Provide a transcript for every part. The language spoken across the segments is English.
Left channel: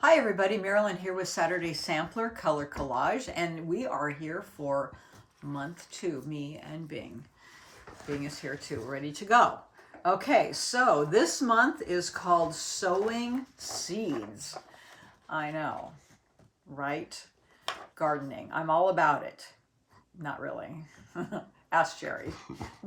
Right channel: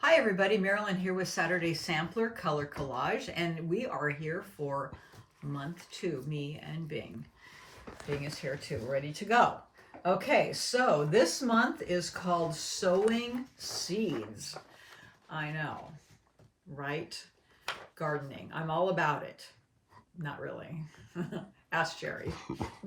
Hi everybody, Marilyn here with Saturday Sampler Color Collage, and we are here for month 2, me and Bing. Bing is here too, ready to go. Okay, so this month is called Sowing Seeds. I know, right? Gardening. I'm all about it. Not really. Ask Jerry.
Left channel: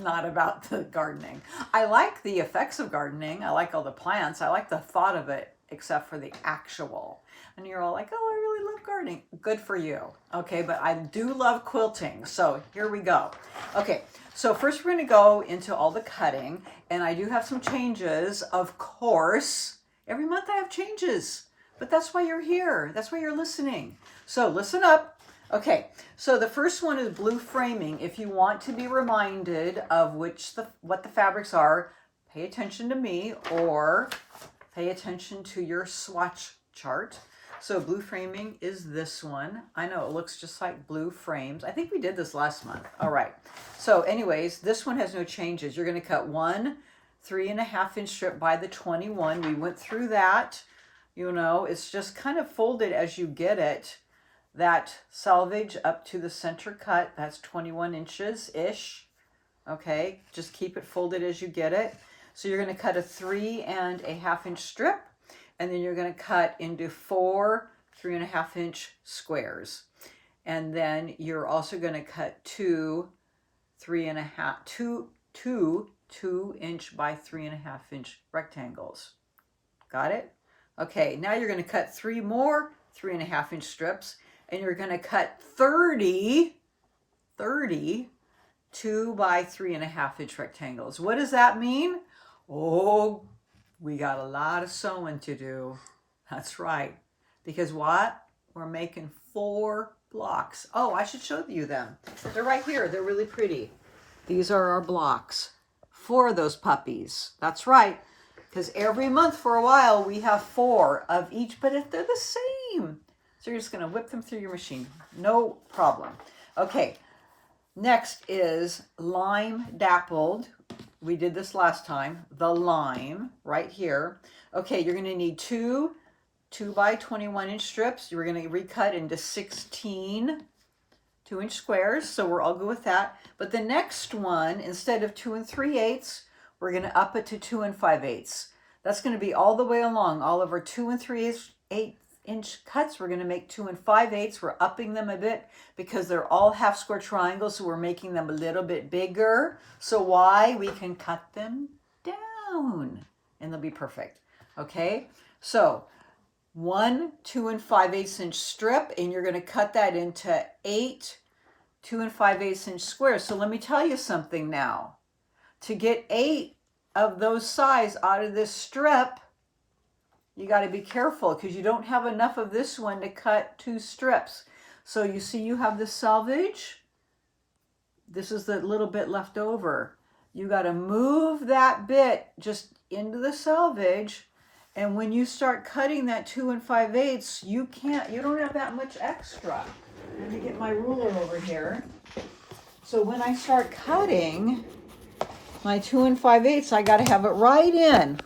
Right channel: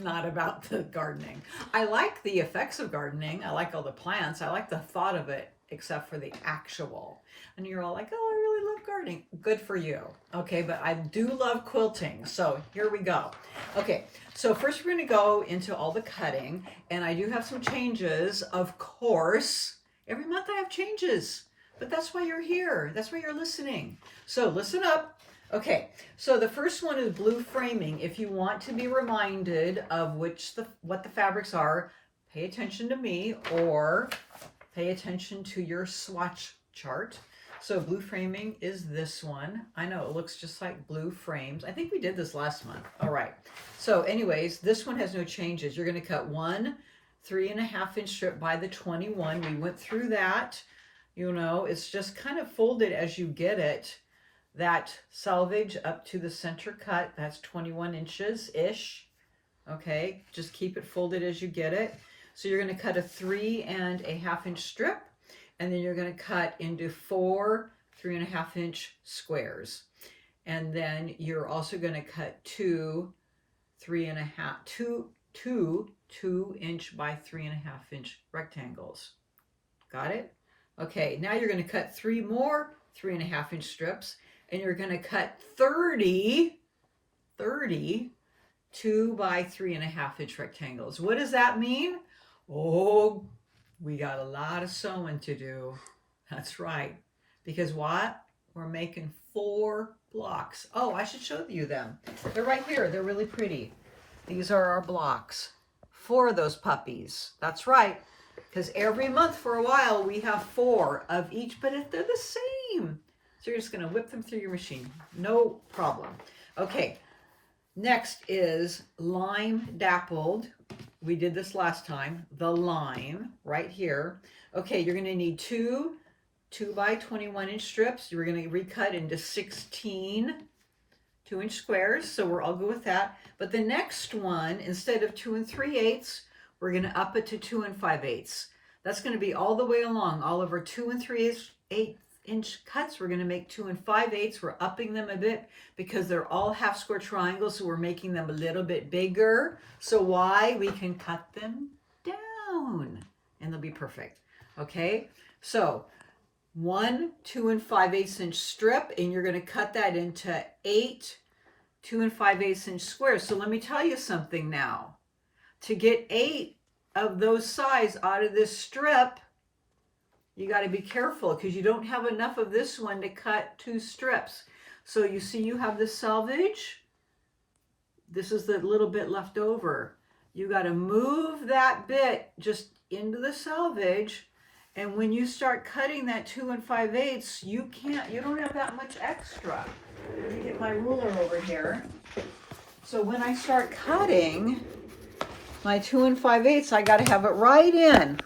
Not about the gardening. I like the effects of gardening. I like all the plants. I like the thought of it, except for the actual. And you're all like, oh, I really love gardening. Good for you. Okay, but I do love quilting. So here we go. Okay, so first we're going to go into all the cutting. And I do have some changes, of course. Every month I have changes. But that's why you're here. That's why you're listening. So listen up. Okay, so the first one is blue framing. If you want to be reminded of what the fabrics are, pay attention to me or pay attention to your swatch chart. So blue framing is this one. I know it looks just like blue frames. I think we did this last month. All right. So anyways, this one has no changes. You're going to cut one 3.5-inch strip by the 21. We went through that. You know, it's just kind of folded as you get it. That selvage up to the center cut, that's 21 inches-ish. Okay, just keep it folded as you get it. So you're going to cut a 3.5-inch strip, and then you're going to cut into 4 3.5-inch squares. And then you're also going to cut two 2-inch by 3.5-inch rectangles. Got it? Okay, now you're going to cut 3 more 3.5-inch strips, and you're going to cut 30 2 by 3.5-inch rectangles. What does that mean? Oh, we got a lot of sewing to do. That's right. Because what? We're making 4 blocks. Oh, I should show you them. They're right here. They're really pretty. These are our blocks. 4 of those puppies. That's right. Because every month for a while we have 4 of each, but if they're the same. So you're just going to whip them through your machine. No problem. Okay, next is lime dappled. We did this last time. The lime right here. Okay, you're going to need 2 by 21-inch strips. You're going to recut into 16 2-inch squares. So we're all good with that. But the next one, instead of 2 3/8, we're going to up it to 2 5/8. That's going to be all the way along. All of our 2 3/8-inch cuts, we're going to make 2 5/8. We're upping them a bit because they're all half square triangles, so we're making them a little bit bigger. So why? We can cut them down and they'll be perfect. Okay, so 1 2 5/8-inch strip, and you're going to cut that into 8 2 5/8-inch squares. So let me tell you something now. To get 8 of those size out of this strip, you got to be careful because you don't have enough of this one to cut 2 strips. So you see you have the selvage. This is the little bit left over. You got to move that bit just into the selvage. And when you start cutting that 2 5/8, you don't have that much extra. Let me get my ruler over here. So when I start cutting my 2 5/8, I got to have it right in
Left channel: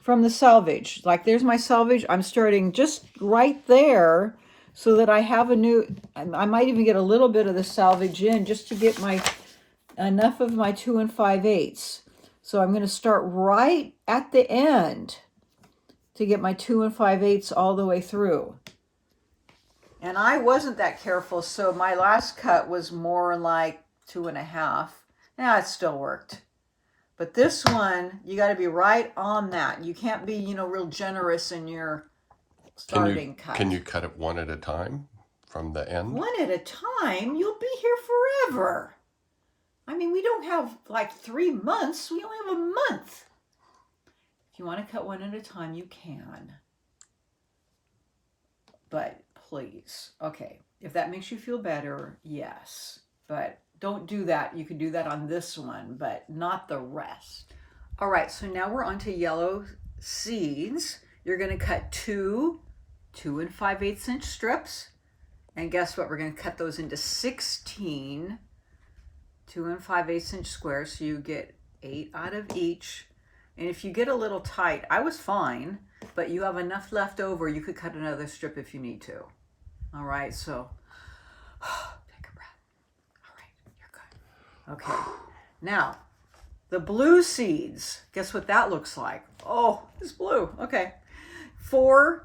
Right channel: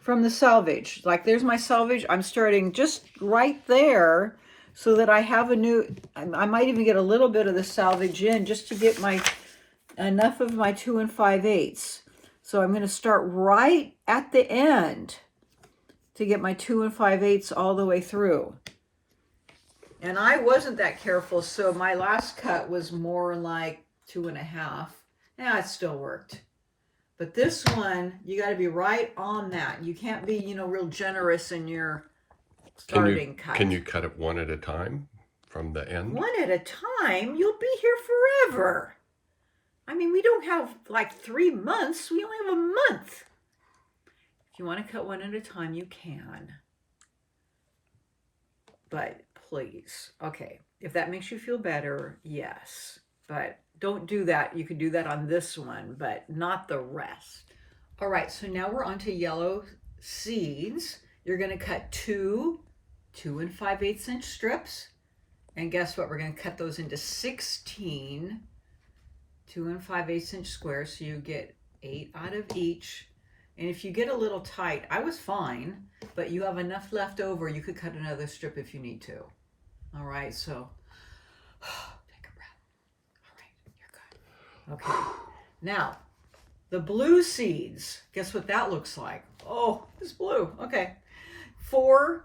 from the selvage. Like there's my selvage. I'm starting just right there so that I have I might even get a little bit of the selvage in just to get enough of my 2 5/8. So I'm going to start right at the end to get my 2 5/8 all the way through. And I wasn't that careful, so my last cut was more like 2.5. Yeah, it still worked. But this one, you got to be right on that. You can't be, real generous in your starting cut. Can you cut it one at a time from the end? One at a time? You'll be here forever. I mean, we don't have like 3 months. We only have a month. If you want to cut one at a time, you can. But please, okay, if that makes you feel better, yes. But don't do that. You could do that on this one, but not the rest. All right, so now we're on to yellow seeds. You're going to cut 2 2 5/8-inch strips. And guess what? We're going to cut those into 16 2 5/8-inch squares. So you get 8 out of each. And if you get a little tight, I was fine, but you have enough left over, you could cut another strip if you need to. All right, so take a breath. All right, you're good. Okay, now the blue seeds, guess what that looks like? Oh, it's blue. Okay, 4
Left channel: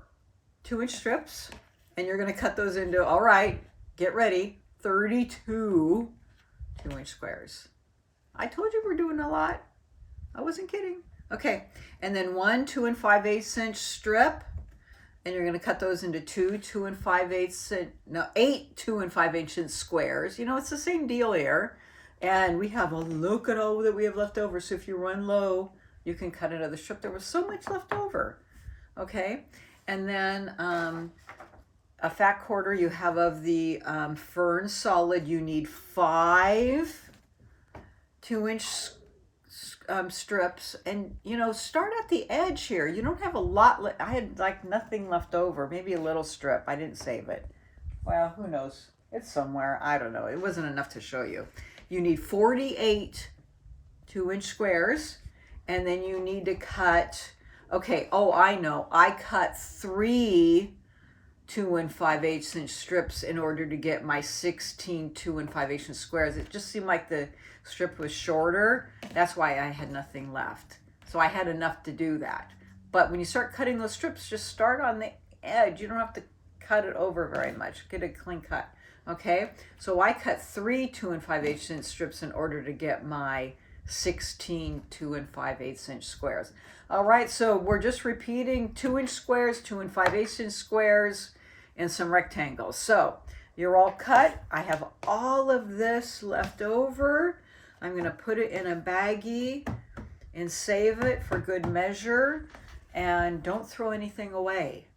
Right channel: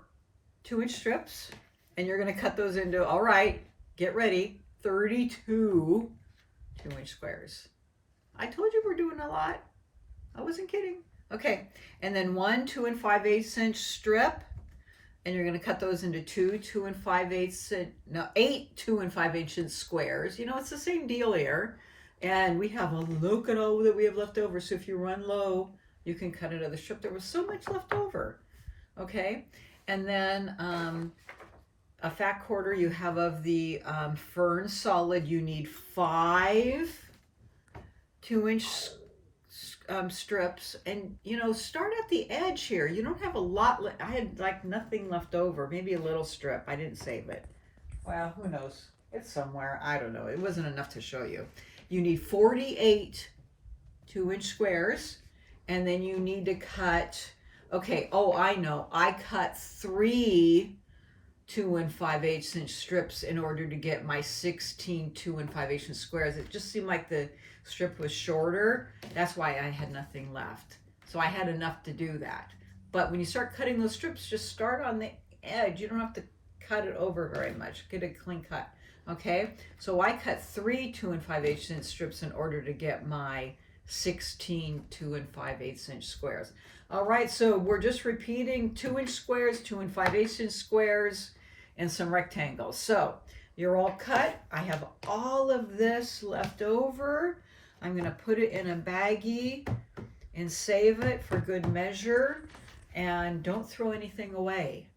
2-inch strips, and you're gonna cut those into, all right, get ready, 32 2-inch squares. I told you we're doing a lot. I wasn't kidding. Okay, and then 1 2 5/8 inch strip, and you're going to cut those into 8 2 5/8 inch squares. You know, it's the same deal here. And we have look at all that we have left over. So if you run low, you can cut another strip. There was so much left over. Okay, and then a fat quarter you have of the Fern solid. You need 5 2-inch strips, and you know, start at the edge here. You don't have a lot. I had like nothing left over, maybe a little strip. I didn't save it. Well, who knows? It's somewhere. I don't know. It wasn't enough to show you. You need 48 2-inch squares, and then you need to cut. Okay. Oh, I know. I cut 3 2 5/8 inch strips in order to get my 16 2 5/8 inch squares. It just seemed like the strip was shorter. That's why I had nothing left. So I had enough to do that. But when you start cutting those strips, just start on the edge. You don't have to cut it over very much. Get a clean cut. Okay? So I cut 3 2 5/8 inch strips in order to get my 16 2 5/8 inch squares. All right, so we're just repeating 2-inch squares, 2 5/8 inch squares, and some rectangles. So you're all cut. I have all of this left over. I'm going to put it in a baggie and save it for good measure. And don't throw anything away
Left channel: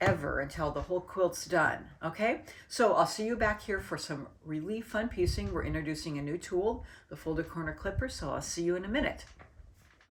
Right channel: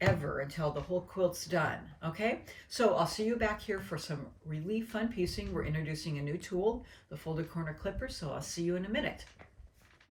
ever until the whole quilt's done. Okay? So I'll see you back here for some really fun piecing. We're introducing a new tool, the folded corner clipper. So I'll see you in a minute.